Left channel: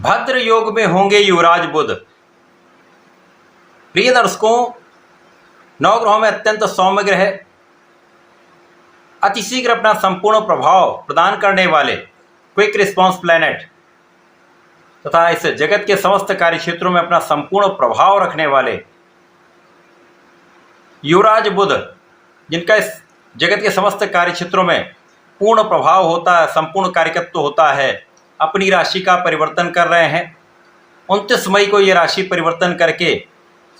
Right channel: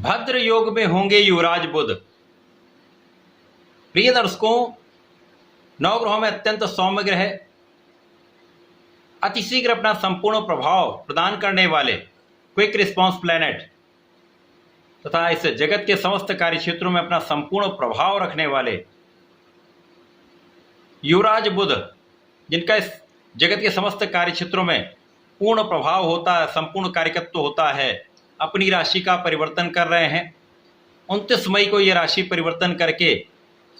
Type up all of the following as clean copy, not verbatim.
भद्र योग में होंगे युवराज बुध। प्रिय दर्शकों, नवग्रहों में अत्यंत सौम्य ग्रह, अतिशीघ्र अपना संपूर्ण प्रभाव प्रदान करने वाले क्विक रिस्पॉन्स प्लैनेट तथा इस जगत के समस्त कार्य क्षेत्रों में अपना संपूर्ण प्रभाव रखने वाले युवराज बुध, जिनका इस जगत के समस्त कार्य क्षेत्रों में पूर्ण प्रभाव होता है, संपूर्ण कार्यकत्व होता है, अपनी राशि का परिवर्तन कर रहे हैं। 29 मई को ये राशि परिवर्तन करके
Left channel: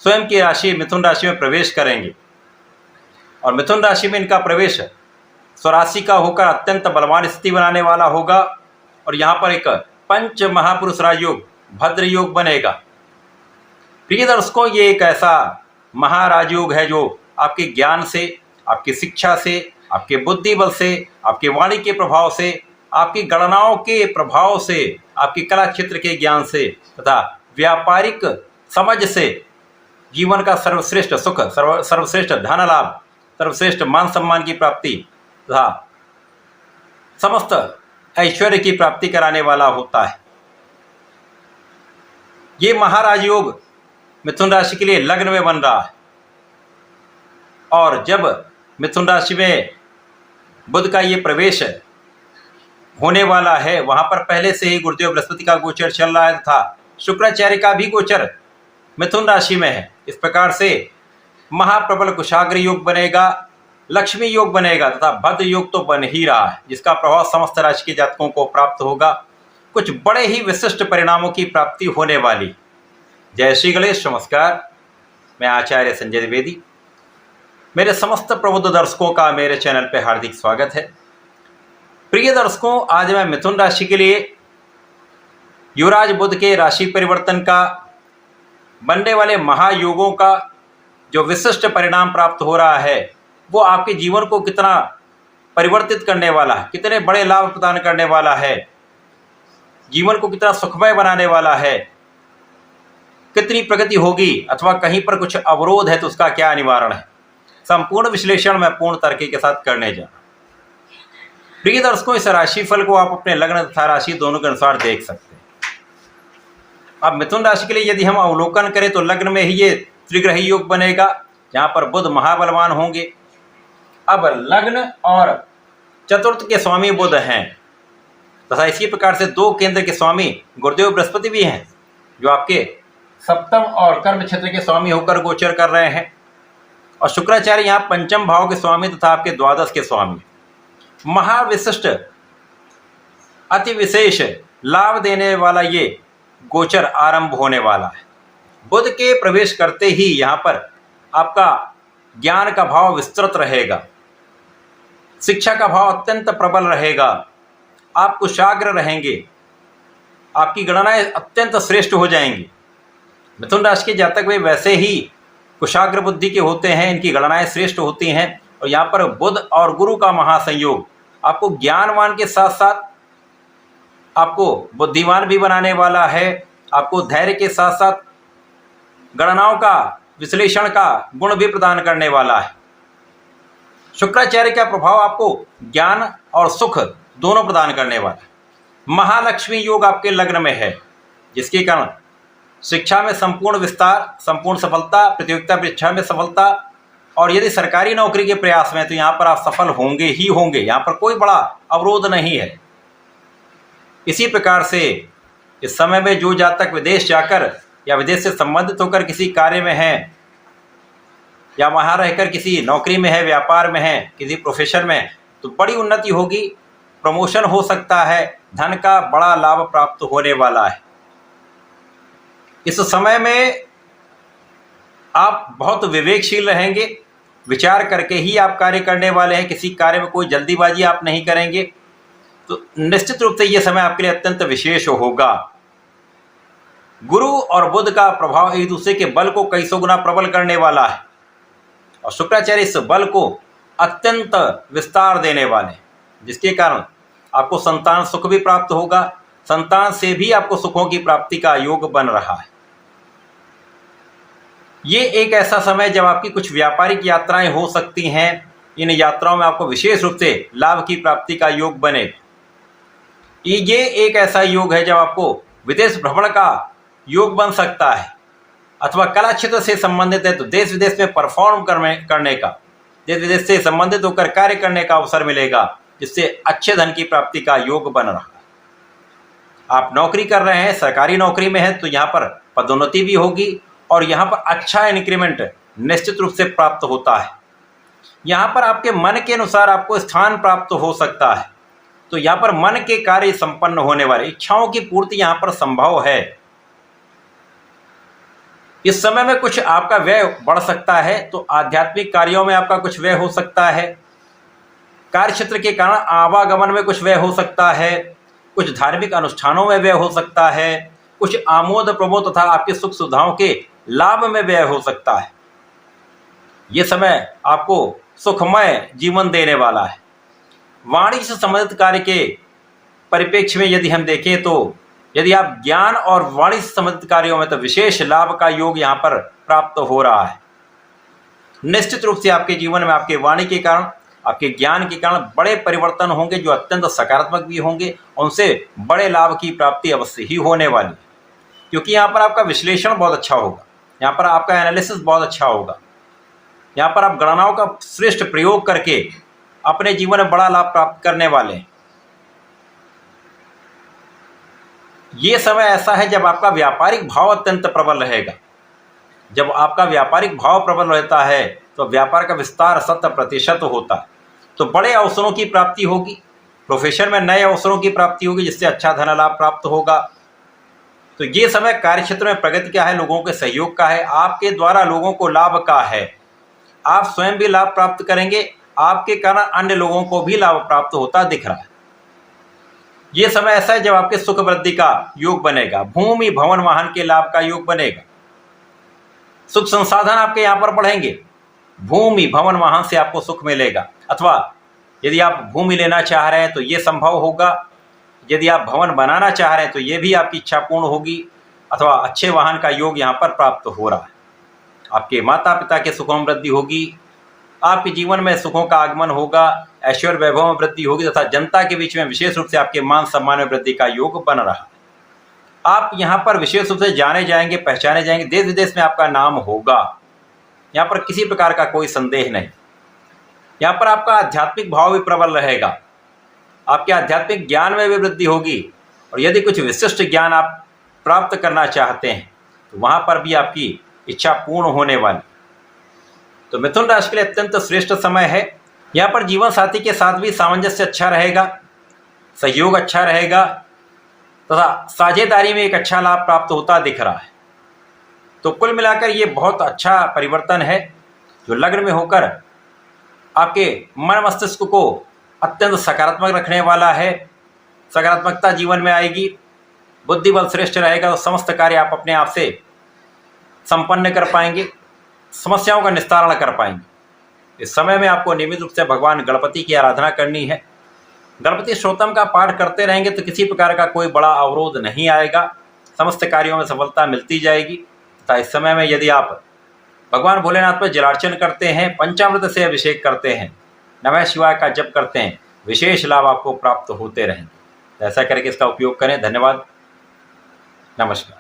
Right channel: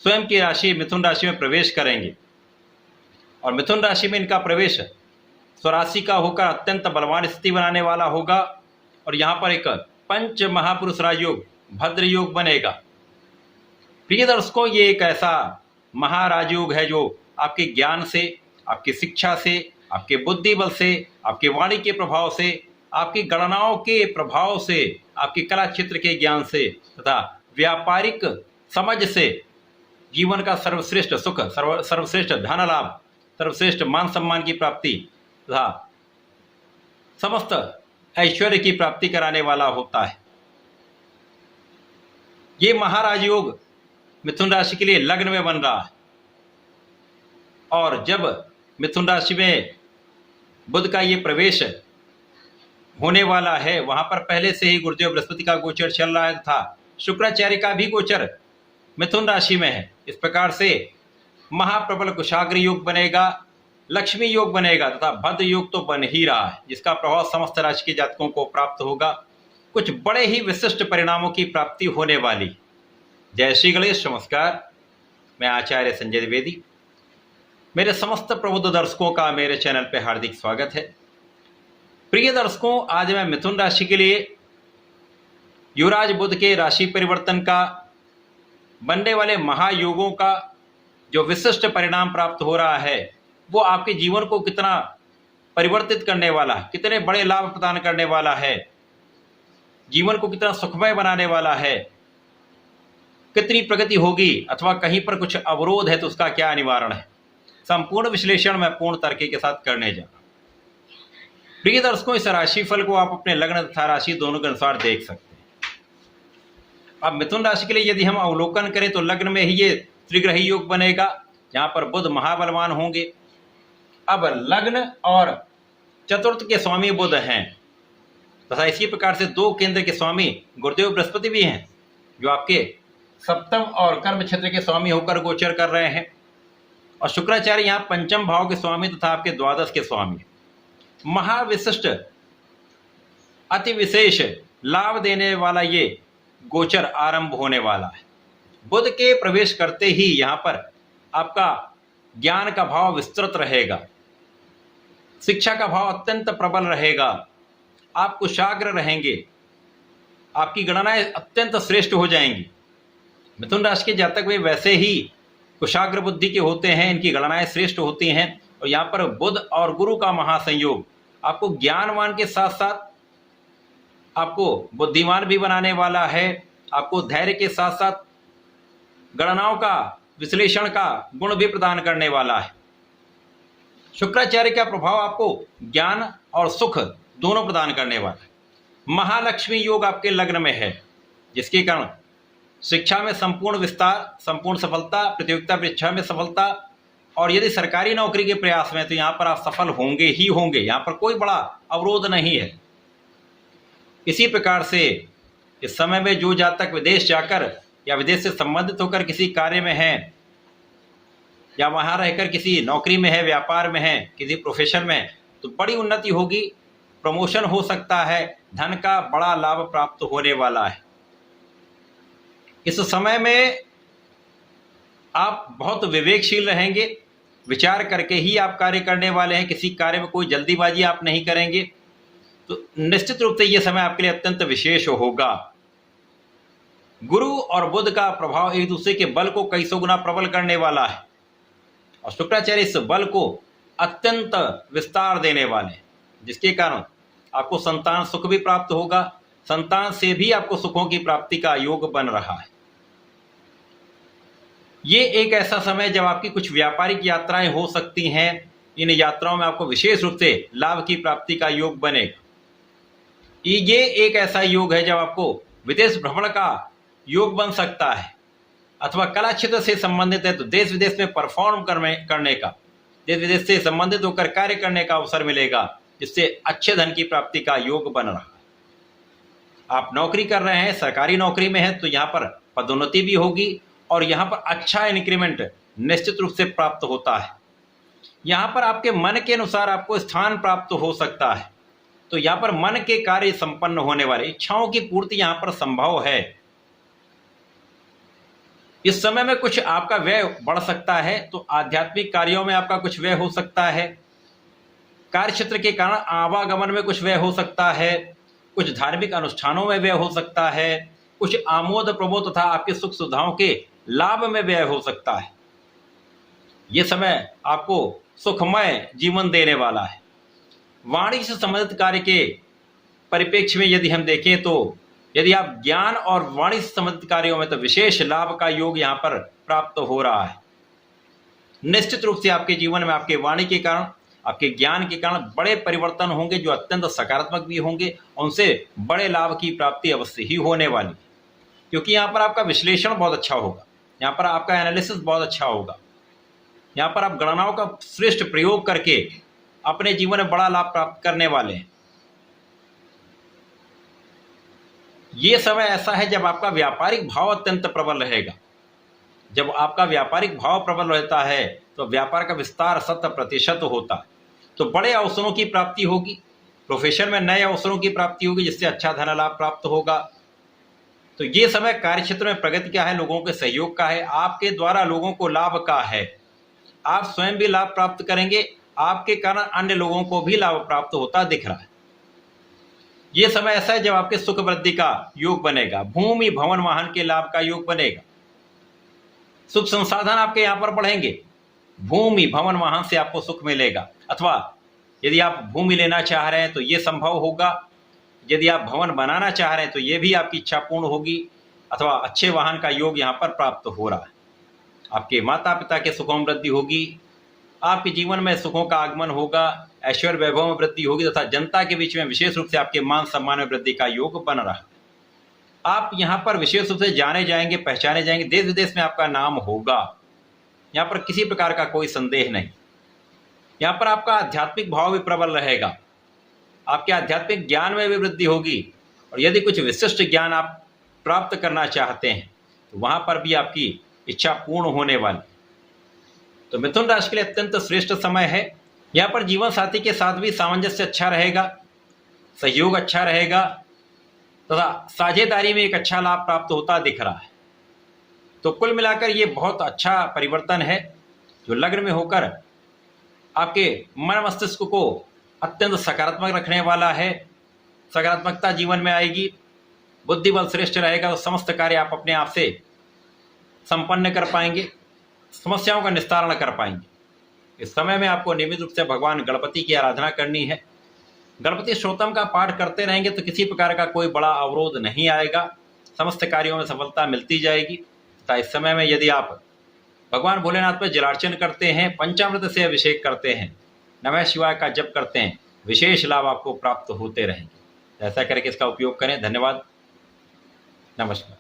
स्वयं की राशि मिथुन राशि में प्रवेश करेंगे और मिथुन राशि में इनका प्रवेश स्वराशि का होकर अत्यंत बलवान स्थिति बनाने वाला होगा और यहाँ पर एक पंच महापुरुष राजयोग भद्र योग बनेगा। प्रिय दर्शकों, ये एक ऐसा महाराजयोग है जो आपके ज्ञान से, आपकी शिक्षा से, आपके बुद्धि बल से, आपके वाणी के प्रभाव से, आपकी गणनाओं के प्रभाव से, आपकी कला क्षेत्र के ज्ञान से तथा व्यापारिक समझ से जीवन का सर्वश्रेष्ठ सुख, सर्वश्रेष्ठ धन लाभ, सर्वश्रेष्ठ मान सम्मान की प्राप्ति तथा समस्त ऐश्वर्य की प्राप्ति कराने वाला होता है। ये महाराज योग मिथुन राशि के लिए लग्न में बन रहा है और जब मिथुन राशि में बुध का ये प्रवेश होने वाला है, वहां पर पहले से ही गुरुदेव बृहस्पति का गोचर चल रहा है तथा शुक्राचार्य का भी गोचर मिथुन राशि में है। इस प्रकार से महाप्रबल कुशाग्र योग बनेगा, लक्ष्मी योग बनेगा तथा भद्र योग तो बन ही रहा है, जिसका प्रभाव समस्त राशि के जातकों को प्राप्त होगा। कुछ बड़े ही विशिष्ट परिणामों की प्राप्ति होने वाली। जय श्री गणेश। नमस्कार, मैं आचार्य संजय द्विवेदी। मेरे समस्त प्रबुद्ध दर्शकों का मेरे चैनल पर हार्दिक स्वागत है। प्रिय दर्शकों, आज मैं मिथुन राशि के लिए युवराज बुध के राशि परिवर्तन का, बनने वाले महायोगों का जो विशिष्ट परिणाम प्राप्त हो रहा है वो आपके जीवन को कितना परिवर्तित करने वाला है, कितने बड़े लाभ प्रदान करने वाला है, जीवन को कितना सुखमय बनाने वाला है, कितनी प्रगति होगी अथवा कहीं पर कुछ अवरोध है तो उसका क्या निवारण है, संपूर्ण विश्लेषण मैं पूर्ण तर्क के साथ करने जा रहा हूं। प्रिय दर्शकों, इस राशिफल को आप अपने लग्न तथा राशि दोनों के अनुसार देख सकते हैं। अब मिथुन राशि के लिए यदि हम अवलोकन करें तो लग्न में ही ये त्रिग्रही योग बनेगा, जहां पर बुध महाबलवान होंगे। अब लग्न और चतुर्थ के स्वामी बुध हैं तथा इसी प्रकार से दो केंद्र के स्वामी गुरुदेव बृहस्पति भी हैं, जो आपके सप्तम और कर्म क्षेत्र के स्वामी होकर गोचर कर रहे हैं और शुक्राचार्य यहाँ पंचम भाव के स्वामी तथा आपके द्वादश के स्वामी। महाविशिष्ट अति विशेष लाभ देने वाला ये गोचर आरंभ होने वाला है। बुध के प्रवेश करते ही यहाँ पर आपका ज्ञान का भाव विस्तृत रहेगा, शिक्षा का भाव अत्यंत प्रबल रहेगा, आप कुशाग्र रहेंगे, आपकी गणनाएं अत्यंत श्रेष्ठ हो जाएंगी। मिथुन राशि के जातक वे वैसे ही कुशाग्र बुद्धि के होते हैं, इनकी गणनाएं श्रेष्ठ होती हैं और यहाँ पर बुध और गुरु का महासंयोग आपको ज्ञानवान के साथ साथ आपको बुद्धिमान भी बनाने वाला है, आपको धैर्य के साथ साथ गणनाओं का विश्लेषण का गुण भी प्रदान करने वाला है। शुक्राचार्य का प्रभाव आपको ज्ञान और सुख दोनों प्रदान करने वाला है। महालक्ष्मी योग आपके लग्न में है, जिसके कारण शिक्षा में संपूर्ण विस्तार, संपूर्ण सफलता, प्रतियोगिता परीक्षा में सफलता और यदि सरकारी नौकरी के प्रयास में तो यहाँ पर आप सफल होंगे ही होंगे, यहाँ पर कोई बड़ा अवरोध नहीं है। इसी प्रकार से इस समय में जो जातक विदेश जाकर या विदेश से संबंधित होकर किसी कार्य में हैं या वहाँ रहकर किसी नौकरी में है, व्यापार में है, किसी प्रोफेशन में है, तो बड़ी उन्नति होगी, प्रमोशन हो सकता है, धन का बड़ा लाभ प्राप्त होने वाला है। इस समय में आप बहुत विवेकशील रहेंगे, विचार करके ही आप कार्य करने वाले हैं, किसी कार्य में कोई जल्दीबाजी आप नहीं करेंगे, तो निश्चित रूप से ये समय आपके लिए अत्यंत विशेष होगा। गुरु और बुध का प्रभाव एक दूसरे के बल को कई सौ गुना प्रबल करने वाला है और शुक्राचार्य इस बल को अत्यंत विस्तार देने वाले, जिसके कारण आपको संतान सुख भी प्राप्त होगा, संतान से भी आपको सुखों की प्राप्ति का योग बन रहा है। ये एक ऐसा समय जब आपकी कुछ व्यापारिक यात्राएं हो सकती हैं, इन यात्राओं में आपको विशेष रूप से लाभ की प्राप्ति का योग बनेगा। ये एक ऐसा योग है जब आपको विदेश भ्रमण का योग बन सकता है, अथवा कला क्षेत्र से संबंधित है तो देश विदेश में परफॉर्म करने का, देश विदेश से संबंधित होकर कार्य करने का अवसर मिलेगा, जिससे अच्छे धन की प्राप्ति का योग बन रहा है। आप नौकरी कर रहे हैं, सरकारी नौकरी में है, तो यहाँ पर पदोन्नति भी होगी और यहाँ पर अच्छा इंक्रीमेंट निश्चित रूप से प्राप्त होता है। यहाँ पर आपके मन के अनुसार आपको स्थान प्राप्त हो सकता है, तो यहाँ पर मन के कार्य संपन्न होने वाले, इच्छाओं की पूर्ति यहाँ पर संभव है। इस समय में कुछ आपका व्यय बढ़ सकता है, तो आध्यात्मिक कार्यों में आपका कुछ व्यय हो सकता है, कार्य क्षेत्र के कारण आवागमन में कुछ व्यय हो सकता है, कुछ धार्मिक अनुष्ठानों में व्यय हो सकता है, कुछ आमोद प्रमोद तथा आपकी सुख सुविधाओं के लाभ में व्यय हो सकता है। ये समय आपको सुखमय जीवन देने वाला है। वाणिज्य से संबंधित कार्य के परिप्रेक्ष्य में यदि हम देखें तो यदि आप ज्ञान और वाणिज्य से संबंधित कार्यों में, तो विशेष लाभ का योग यहाँ पर प्राप्त हो रहा है। निश्चित रूप से आपके जीवन में आपके वाणी के कारण, आपके ज्ञान के कारण बड़े परिवर्तन होंगे, जो अत्यंत सकारात्मक भी होंगे, उनसे बड़े लाभ की प्राप्ति अवश्य ही होने वाली है। क्योंकि यहाँ पर आपका विश्लेषण बहुत अच्छा होगा, यहाँ पर आपका एनालिसिस बहुत अच्छा होगा, यहाँ पर आप गणनाओं का श्रेष्ठ प्रयोग करके अपने जीवन में बड़ा लाभ प्राप्त करने वाले हैं। ये समय ऐसा है जब आपका व्यापारिक भाव अत्यंत प्रबल रहेगा। जब आपका व्यापारिक भाव प्रबल रहता है तो व्यापार का विस्तार 100% होता है, तो बड़े अवसरों की प्राप्ति होगी, प्रोफेशन में नए अवसरों की प्राप्ति होगी, जिससे अच्छा धन लाभ प्राप्त होगा। तो ये समय कार्य क्षेत्र में प्रगति का है, लोगों के सहयोग का है, आपके द्वारा लोगों को लाभ का है। आप स्वयं भी लाभ प्राप्त करेंगे, आपके कारण अन्य लोगों को भी लाभ प्राप्त होता दिख रहा है। ये समय ऐसा है जब आपके सुख वृद्धि का योग बनेगा, भूमि भवन वाहन के लाभ का योग बनेगा, सुख संसाधन आपके यहाँ पर बढ़ेंगे, भूमि भवन वाहन से आपको सुख मिलेगा। अथवा यदि आप भूमि लेना चाह रहे हैं तो ये संभव होगा, यदि आप भवन बनाना चाह रहे हैं तो ये भी आपकी इच्छा पूर्ण होगी, अथवा अच्छे वाहन का योग यहाँ पर प्राप्त हो रहा है। आपके माता पिता के सुखों में वृद्धि होगी, आपके जीवन में सुखों का आगमन होगा, ऐश्वर्य वैभव में वृद्धि होगी, तथा जनता के बीच में विशेष रूप से आपके मान सम्मान में वृद्धि का योग बन रहा है। आप यहाँ पर विशेष रूप से जाने जाएंगे, पहचाने जाएंगे, देश विदेश में आपका नाम होगा, यहाँ पर किसी प्रकार का कोई संदेह नहीं। यहाँ पर आपका आध्यात्मिक भाव भी प्रबल रहेगा, आपके आध्यात्मिक ज्ञान में भी वृद्धि होगी, और यदि कुछ विशिष्ट ज्ञान आप प्राप्त करना चाहते हैं तो वहाँ पर भी आपकी इच्छा पूर्ण होने वाली। तो मिथुन राशि के लिए अत्यंत श्रेष्ठ समय है। यहाँ पर जीवन साथी के साथ भी सामंजस्य अच्छा रहेगा, सहयोग अच्छा रहेगा, तथा साझेदारी में एक अच्छा लाभ प्राप्त होता दिख रहा है। तो कुल मिलाकर ये बहुत अच्छा परिवर्तन है जो लग्न में होकर आपके मन मस्तिष्क को अत्यंत सकारात्मक रखने वाला है। सकारात्मकता जीवन में आएगी, बुद्धि बल श्रेष्ठ रहेगा, तो समस्त कार्य आप अपने आप से संपन्न कर पाएंगे, समस्याओं का निस्तारण कर पाएंगे। इस समय में आपको नियमित रूप से भगवान गणपति की आराधना करनी है। गणपति स्तोत्रम का पाठ करते रहेंगे तो किसी प्रकार का कोई बड़ा अवरोध नहीं आएगा, समस्त कार्यों में सफलता मिलती जाएगी। तथा इस समय में यदि आप भगवान भोलेनाथ पर जलार्चन करते हैं, पंचामृत से अभिषेक करते हैं, नमः शिवाय का जप करते हैं, विशेष लाभ आपको प्राप्त होते रहेंगे। तो ऐसा करके इसका उपयोग करें। धन्यवाद, नमस्कार।